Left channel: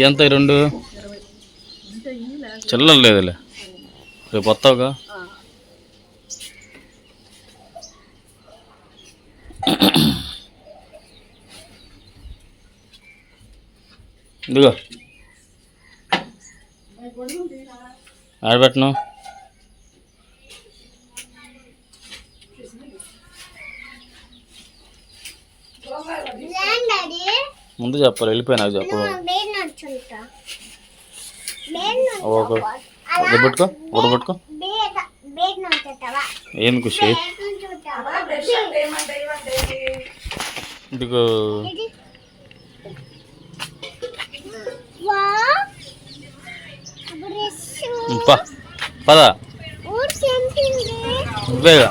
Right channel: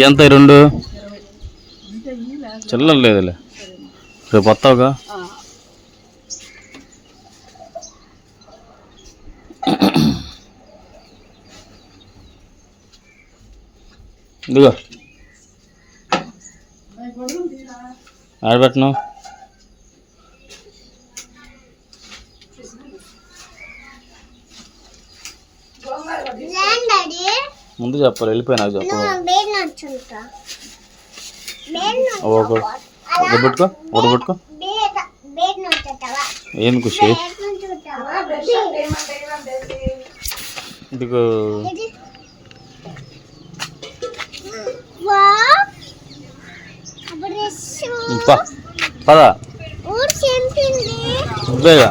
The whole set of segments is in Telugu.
ఎంత ఈ రెండు? చిల్లర లేదులే. రేపు వస్తావుగా ఇదిగో. ఆడబెట్టను డాడీ ముందు చెప్పాలి వెళ్ళిపోయి నాకు చెప్పు బేడ్ నడుచుంటా బేడ్ ఒక ఒకటి పెట్టుకో ఒకటి పెట్టుకో. బేడ్ బేడ్ నడుచుంటావా ఏంది ఖుషి ఇదిగో. పద. నువ్వేగా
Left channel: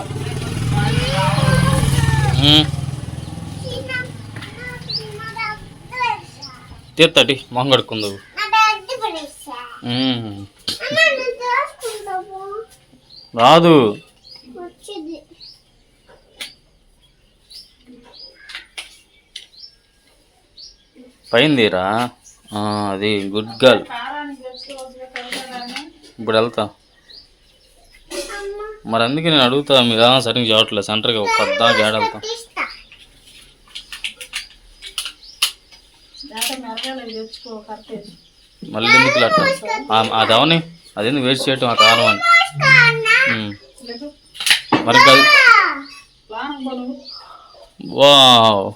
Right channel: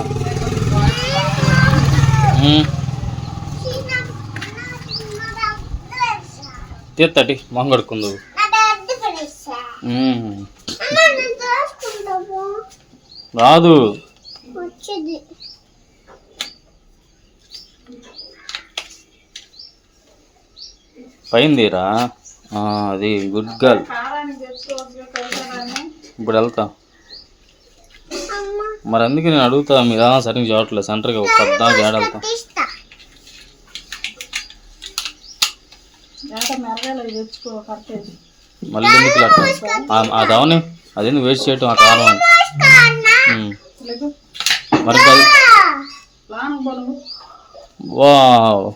తీర్థటి మొహం కడుక్కుందు రాదు. పైందిరా అది గుడ్ గర్ల్. ఇప్పుడు వెళ్తా. మరి అందుకే నేను అడుగుతా మీరు సరిగ్గా చూడట్లేదు సెంటర్కి ఒక పెద్ద గేడ వెళ్తా. మళ్ళీ ఎందుకు అది అవని అదేందుకు వేస్ట్ చేయటం ఆ కారం అని. మరి అది వావ్.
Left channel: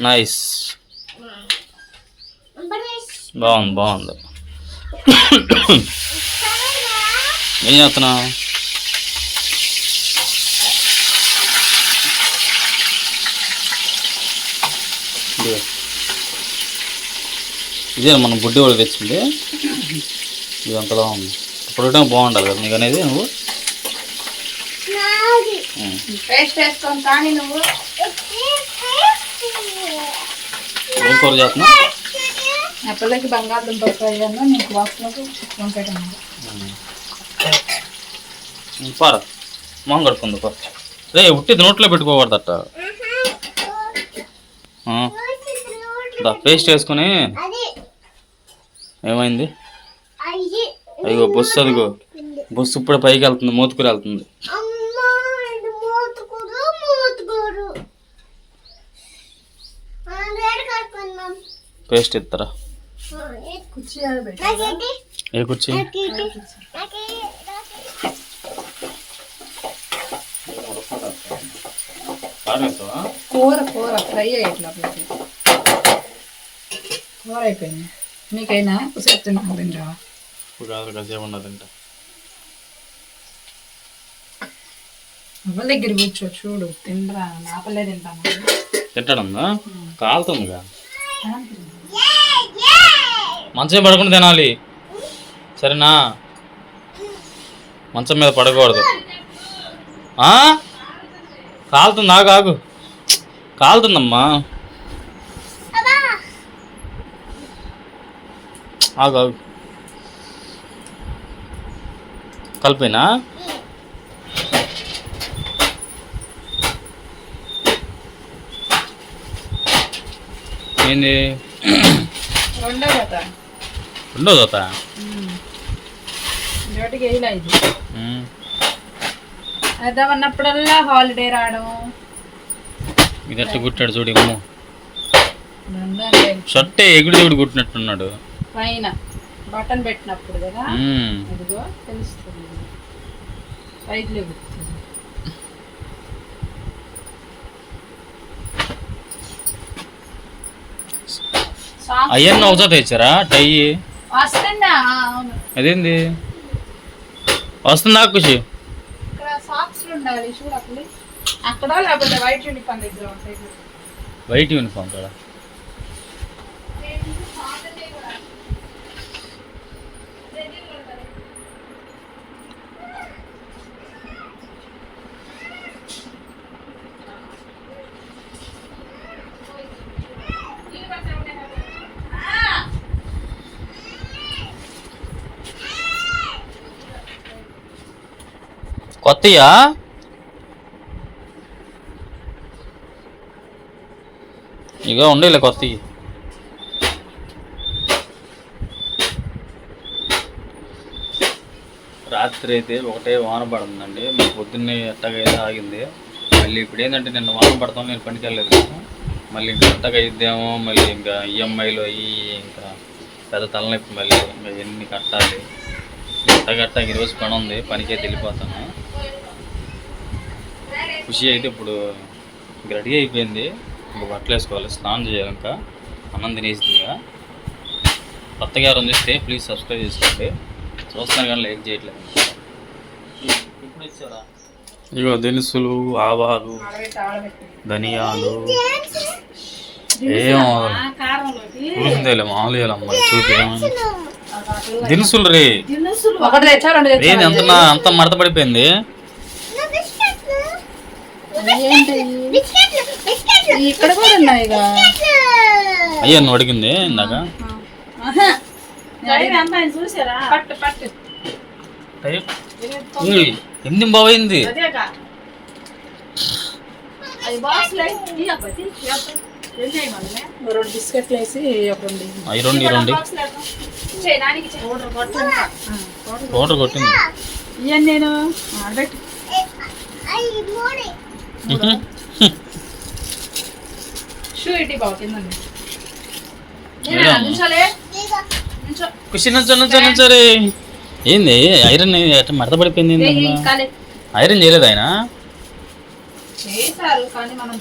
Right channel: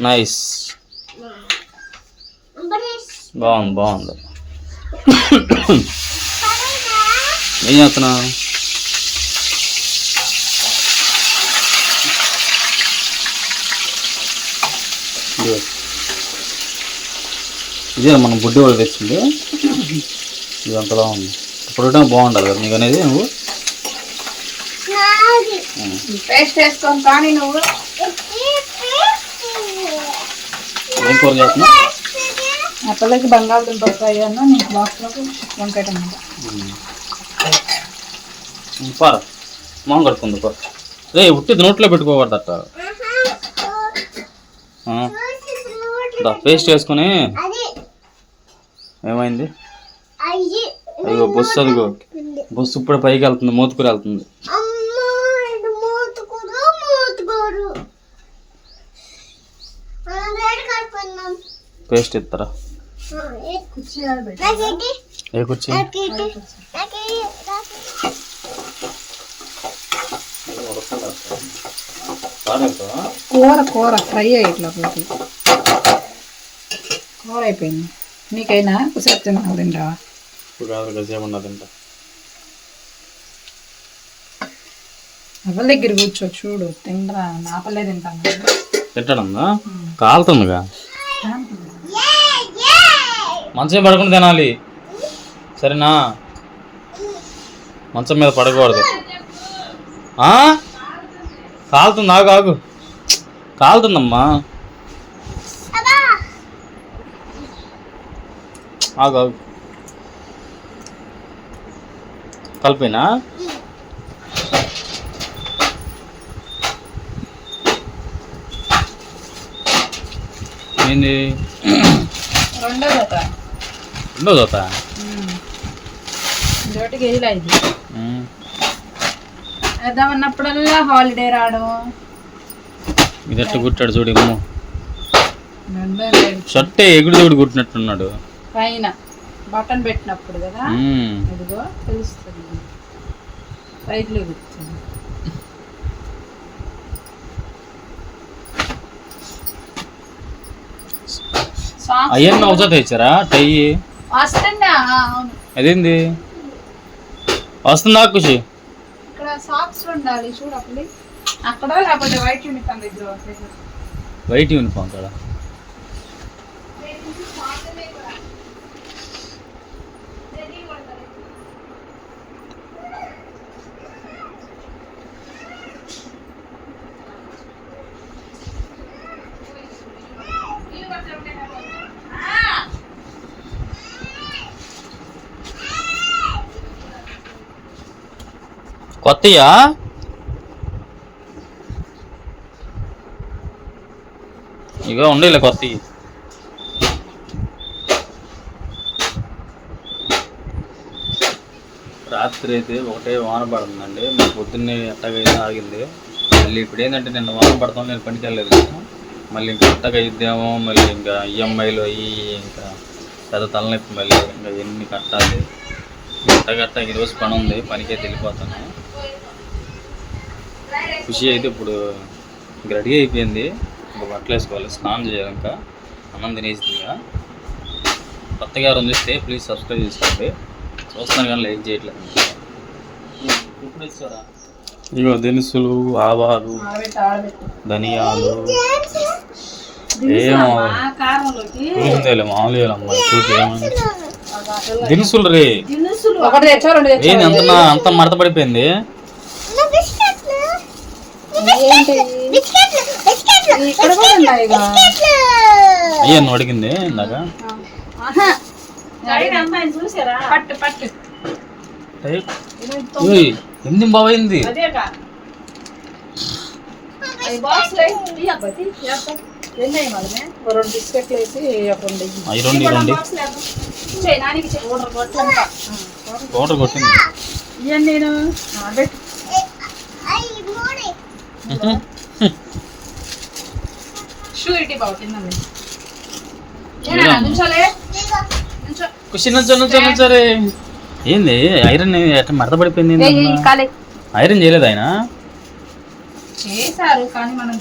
నైస్ బాగుంది బాగుంది. ఏం చేస్తున్నా ఇదే మనం బుడ్డి వాళ్ళు తెచ్చింది. ఇది అంతలా ఉంది. ఇప్పుడు బాగుంటుంది కదా నీకు అనేది నువ్వు? నాది. ఉమ్. పేస్ట్ వేసుకొని కానీ నువ్వు. ఏం కూర బంగాళదుంప ఫ్రై అన్న నీకు బాక్స్లోకి పార. మొహం కడుక్కుంది పా. రే ఉట్టిది నోట్లో పెట్టుకోకూడదట. పేస్ట్ వేసుకొని ఏమైంది? అయ్యి అదిగో బస్సు అదిగో. బస్సు ఇప్పుడే పైకి వెళ్తుంది మోతుకుని వెళ్తుంది. అమ్మ ఇది మూతుకురు కలుపుకుందాం పేస్ట్ ఇస్తారా? ఏ కుర్చీ కూర కూర ఫ్రై అయ్యేట్లోపలికి కూర అయిపోయింది. నీకైనా కుసేపు తిన్నా తింటావా? ఇప్పుడు కాదు కాసేపు ఉన్నదంట ఎవరి దగ్గర కూర్చో చూడు తినరా నాపలే తింటాను తింటాడమ్మా కాలుతుందిగా. మంచం పడకుండా తినాలి. సరేనా? మంచం మీద పడకూడదు. ఆ? కాలుతుంది? ఆగు ఆగు. కాలుతుందమ్మా. ఆగు కలిపినా? ఏంది? రెండో జత. రెండో వేద్దామన్నప్పుడల్లా హాలిడే రావడము ఇది. ఎట్లా కుట్టాడు చూడు షర్టే ఎగుడు దిగుడు కుట్టినట్టున్నాడు. పైన బటన్ పెట్టినప్పుడు కదా. అదిగో తెలుస్తుంది. పైకి లేగుతుంది అవన్నీ ఒకసారి తెచ్చారా? టై. వస్తుందా? అదేంది? వస్తుందా ఖుషి? ఇక్కడ సాక్స్ ఉండాలి చూడప్పుడు అక్కడ లేకపోతే వైట్ యూనిఫామ్ దగ్గర ఉంటాయి. వైట్ యూనిఫామ్ కదా కొత్తయా ఇగో ఉండేలే కొత్తవి రాత్రి అయితే ఒకటే వాన పడుతుందండి. మా పొద్దున్నే ఎట్టగైతే ఆగింది. మళ్ళీ ఇప్పుడు ఏంటంటే నిన్న వాన పడతాం నేను పనికి వెళ్ళలేదు కదా. మళ్ళీ ఇంకా ఎట్టగా అయిద్దేమో మళ్ళీ ఇంకా ఈఎంఐలు అయ్యి ఇంకా పెద్ద తలనొప్పి మళ్ళీ ఇంకా ఎన్ని కట్టాలి. ఎట్టగట్ట ఈరోజు పని ఉంది పనికే వెళ్ళిపోతాను ఖుషి అయితే ఇప్పుడు రెడీ అయిపోయింది. ఇంకా బట్టలు వేసుకోవాలి స్నానం చేయాలి ఇంకా. అన్నం తినేసింది ఇక. కొత్తగా ఎవరు చూస్తే ప్లీజ్ సబ్స్క్రైబ్ చేసుకోండి. చూస్తాను కానీ లైక్ చేయట్లేదు. ఇప్పుడు ఇచ్చారా? ఇగో దినుసులు ఆవాలు ధనియాలు. ఏం చూసిందేలే మామూలుగా అమ్మాయి చూపి ఏమని. దినుసులు రే. దినుసులు ఒకటి తెచ్చా రెండు తెచ్చా ఏంది అంత అంత మడత పడిపోయింది నా బిస్కెట్లు ఏంటి బిస్కెట్లు బిస్కెట్లు ఇక్కడ కూడా ఉన్నాయి అయ్యా నువ్వు అడిగింది ఇందాక. ఎన్ని? ఓ రెండు బిస్కెట్లు వేసి రెండు. అవి పౌడర్ కొట్టింది. ఇవన్నీ నేను. నుంచో నుంచో ఏంది? ఐరన్ ఎట్ట మడత పడిపోయింది ఐరన్ చేయలేదు ఆయన? చేశారు కానీ మనం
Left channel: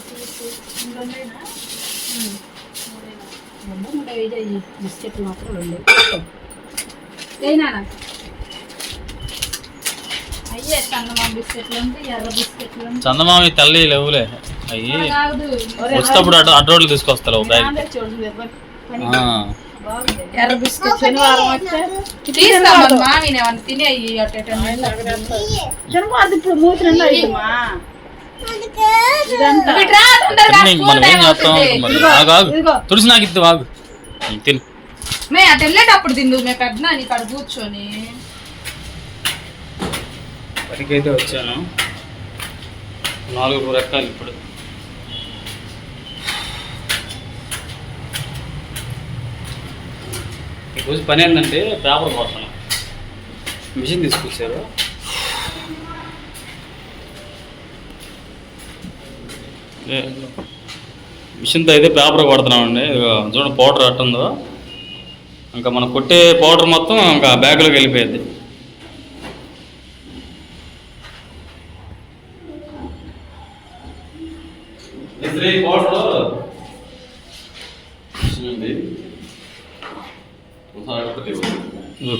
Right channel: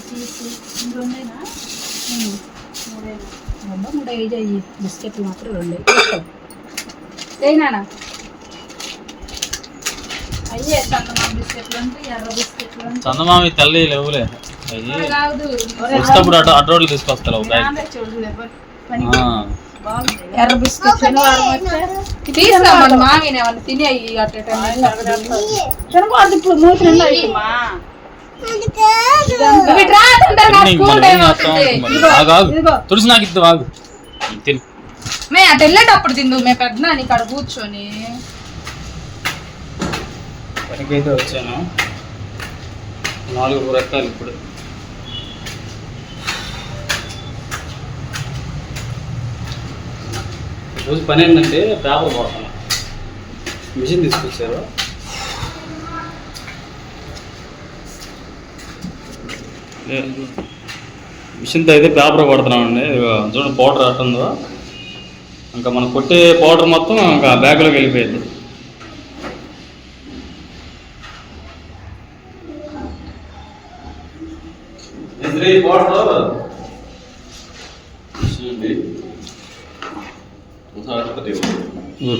బిస్కెట్లు మాత్రం రెండు. అయ్యే చందమామ బిస్కెట్లు అంటే ఎర్ర బిస్కెట్లు అంటే చందమామి తల్లి లేవులే. అయ్యి కాదు. వచ్చేటప్పుడు అటు అటు రోడ్లు తీసుకొస్తారు బ్యాగ్. ఎర్ర బిస్కెట్ మామిని తిని శనివారం ఇప్పుడు మూతి నిండా అయ్యమ్మా అందుకే తిని మనం ఏం చేస్తాం? మరి ఆగు ఆగు. తులసి నాకు ఇద్దు ఆగు. తిను. మే అటు వెళ్ళేటప్పుడు తిందు మే పెద్ద నీకు అక్కడ కూర్చొని. పనికైతే వచ్చాను. నాలుగు రకాలు ఇప్పుడు. ఈరోజు పని ఏంటంటే పేపర్ కొడతాను మిషన్ తీసుకొచ్చారు. మిషన్తో అయితే పేపర్ కొడుతున్నామండి. చూడండి పౌడర్ అట్టుందో ఇంకా మనం కొట్టే పౌడర్ మొత్తం ఇంకా బ్యాగ్లోకి వెళ్ళిపోయింది.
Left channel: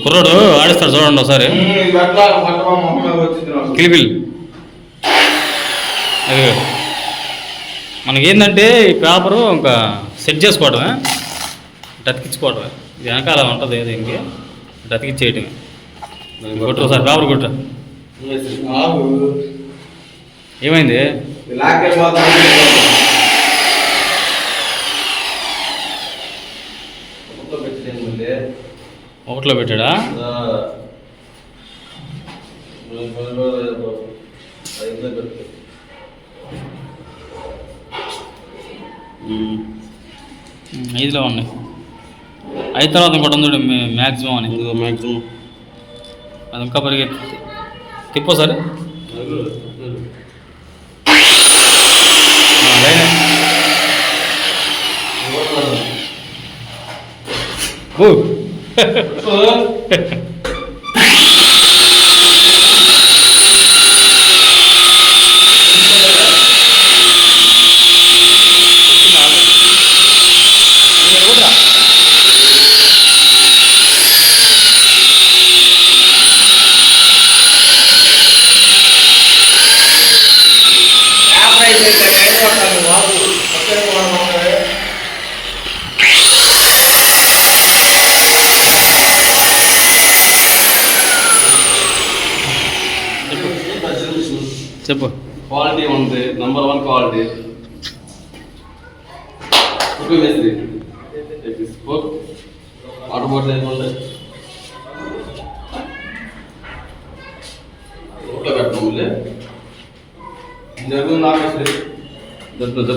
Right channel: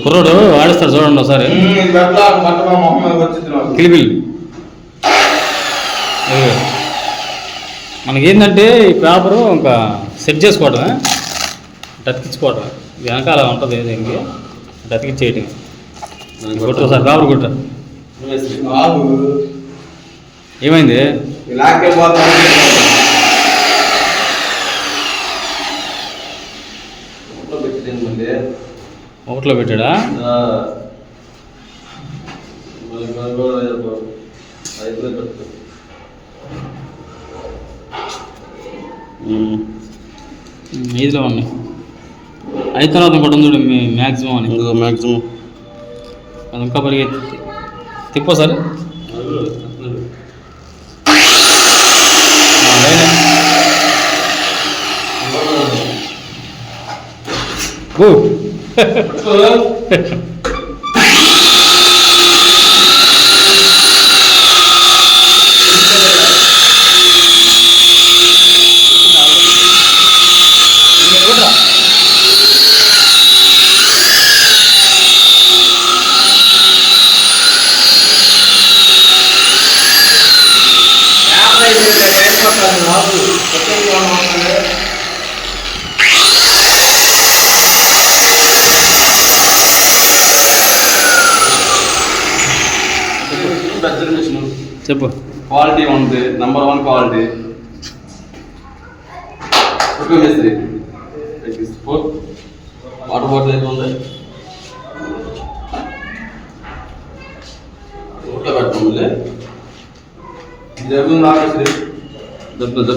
కుర్రాడు ఆడిస్తాడు చూడండి ఒకసారి. కిలిబిల్ ఇదిగో. మనకేంటంటే ఈ పేపరు ఇంకా సెట్ చేసుకోవడమే అతికించుకోవడమే ఇది వెనకాల ఉంటుంది ఏదో ఇంకే. ఇటు అతికిచ్చేయటమే కొట్టు. ఒకసారి పేపర్ కొట్టు. ఏమైంది? ఒకటిలో పెట్టాడా? ఐదులో ఉన్నాయి. ఐదు తర్వాత ఇంకోటి ఉంది మ్యాక్సిమం అని. మ్యాక్సిమం అది ఇంకా పరిగెత్తి తిప్పో సరే. లైనే 呵呵。వాటర్ బాటిల్ ఏమి ఉంది ఫోటో పెట్టడం మళ్ళీ జరుగు నాగేశ్వరి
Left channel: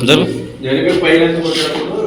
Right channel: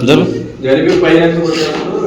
జరుగు. జరిపి పైన కొట్టినప్పుడు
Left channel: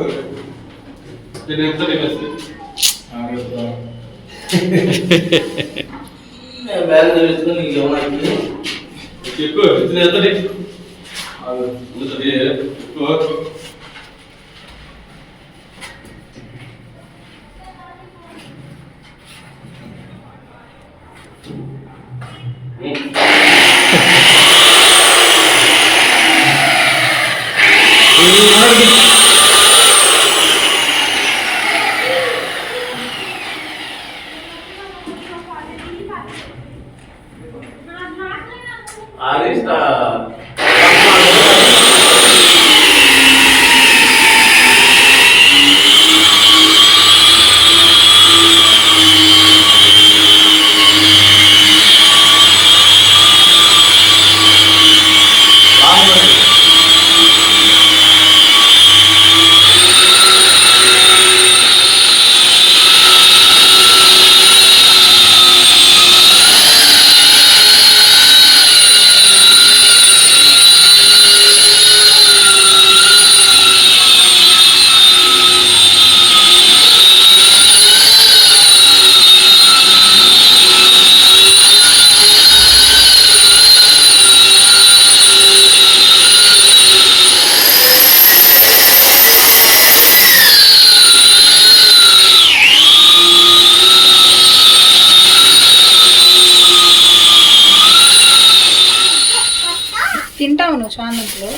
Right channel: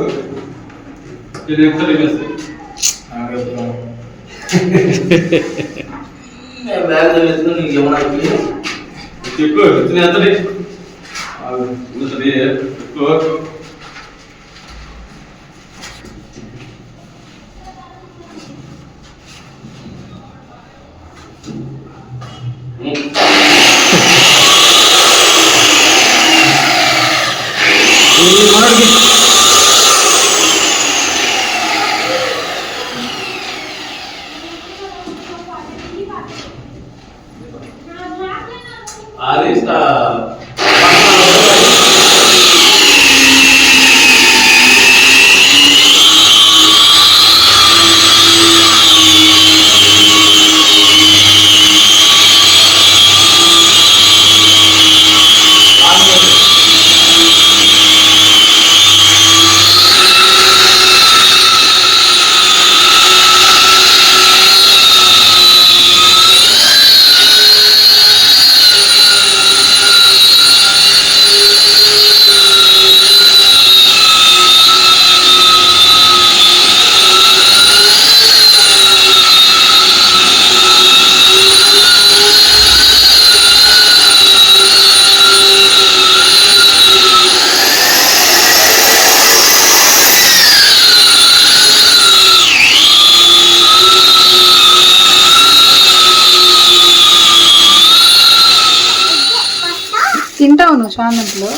తింటావు నువ్వు చామంతిలో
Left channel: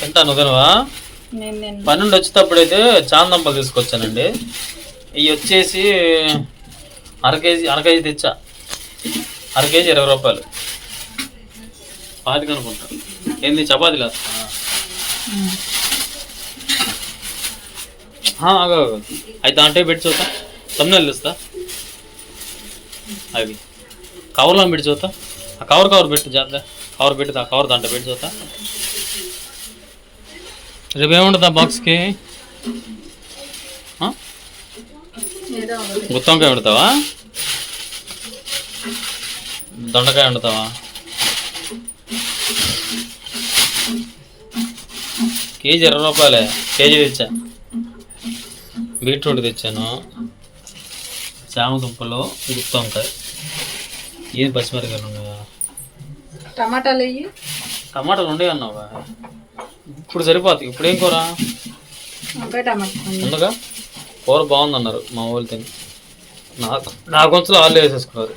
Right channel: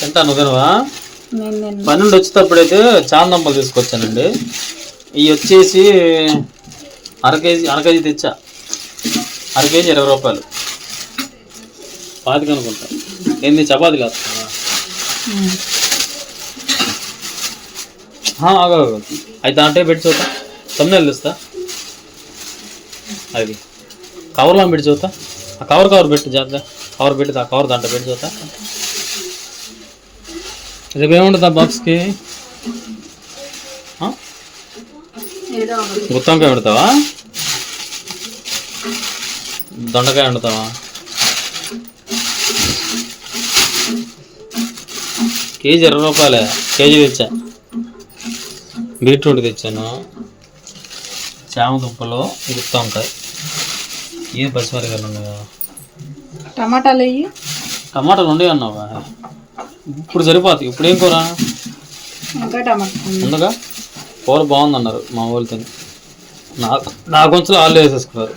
తింటాను ఉదయనవా నేను నేను పన్నెండు వచ్చేటప్పుడైతే చాందంపలు తీసుకొచ్చానండి. ఇవి వచ్చేసి అర కేజీ అర కేజీ తెచ్చా. అర కేజీ ఇరవై రూపాయలు. పాతిక అనుకుంటా. ఏంది చపాతీ లేదు అయితే అంటే పెట్టి చూద్దా. తమ్ముళ్ళు ఇస్తా అది. కవర్లో పెట్టి చూద్దా. ఆ కవర్ కవర్ పెట్టు జాగ్రత్త కవర్ పెట్టి ఆ కవర్ దాంట్లో పెట్టి చూద్దా. రేపు ఏముంటుంది ఆ బాక్స్కి? గుత్తొంకాయ వండుతావా? దొండకాయ వండుతావా? కేజీ ఇరవై రూపాయలే. కేజీ తెచ్చా. బీట్రూట్ తెచ్చాను. చామ దుంపలు గుత్తొంకాయ ఏం పచ్చిమిరకాయలు ఉన్నాయి కదా. టమాటాలు టమాటాలు ఉండే అన్నావా? ఇప్పుడు సరిపోతాయి. ఇప్పుడు ఏం కూర? ముందుగా కూర బాగుందన్నారు మా వాళ్ళు తిని నా నా కొంచెం వాళ్ళు వేసేసుకున్నారు.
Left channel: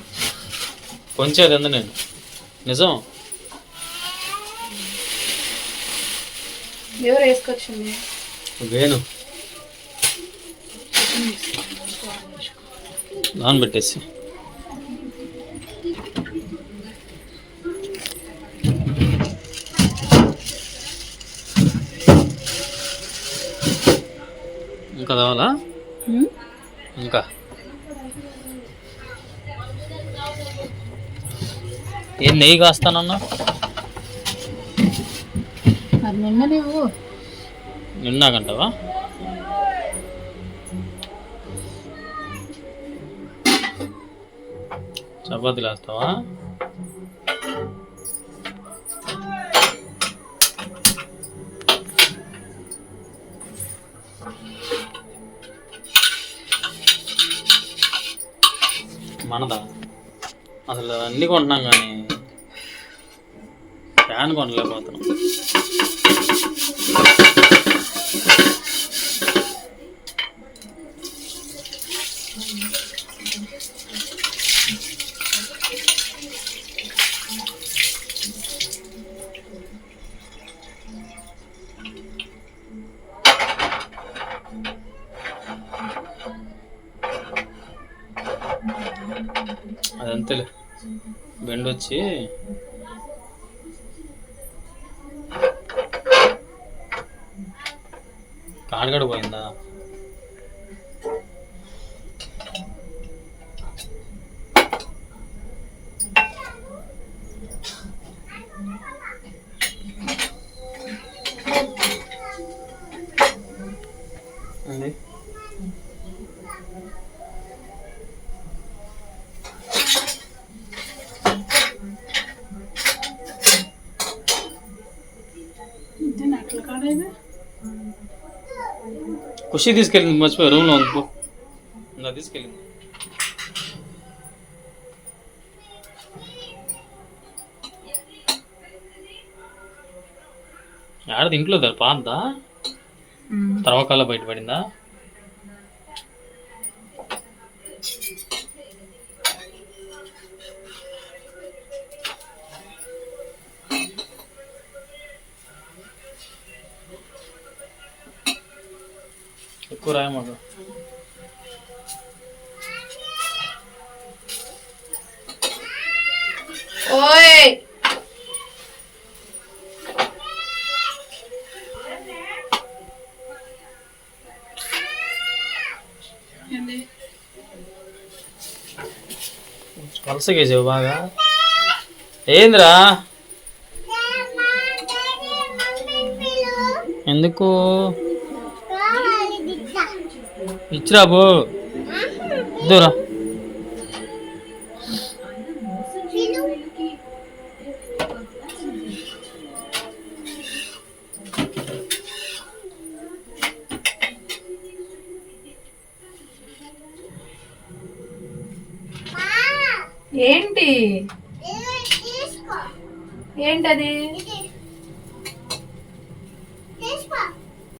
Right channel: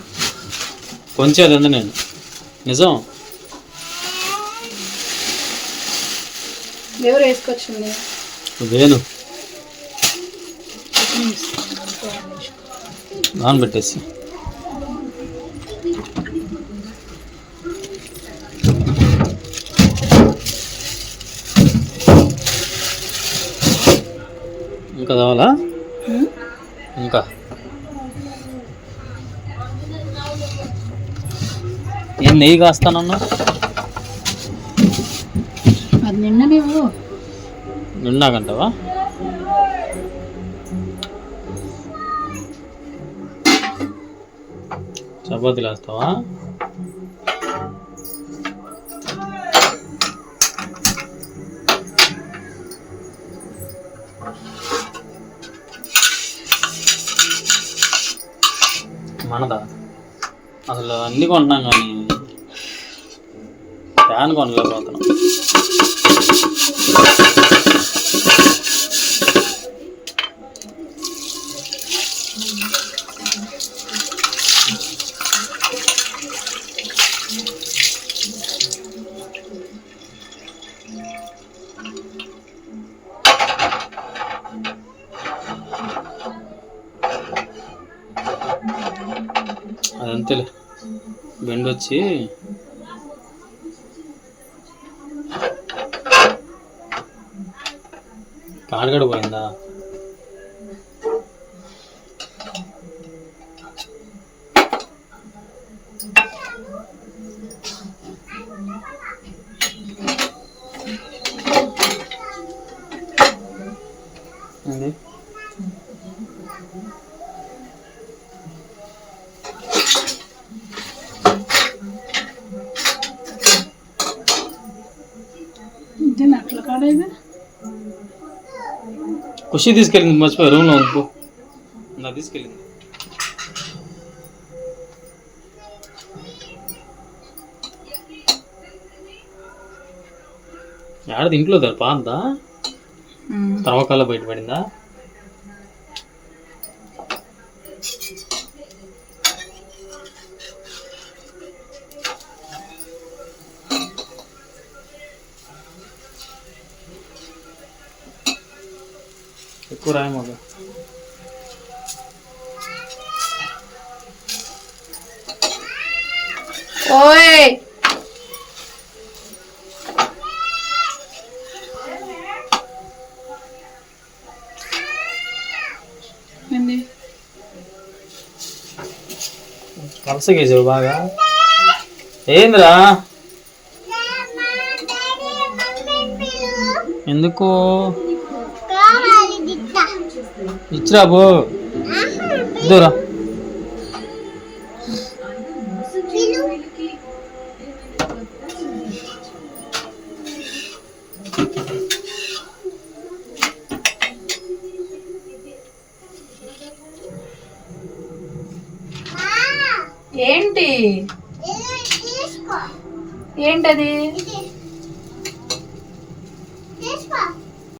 కొంచెం తింది నేను. నిజం? ఎవరు వేసుకొచ్చింది? వేను నానబెట్టేసి. ఇంకా కావాలా. ఇంకా? ఏం నెయ్యి కాస్తానన్నా? నిన్న నువ్వు నిన్నాకంటావా? చపాతీలు వేస్తావా మనదా? అసలు అన్నీ కొంటున్నాం కానీ ఫ్యాన్ కొనలేకపోతున్నాం. కాడగడ పోయిందా? ఇది నట్ల కాడేది ఖుషి తీసుకెళ్ళింది మర్చిపోయి రూమ్లో ఉంది నా తీసుకెళ్ళింది. ఆడది ఇంట్లో పాందా తర్వాకాల బయటపడిందా? ఎక్కువ రాయమాక ఓయ్! ఏంది? పలసగేసావు బాగా. ఏందిరా? ఎందుకు? ఇచ్చిరాబు దూరా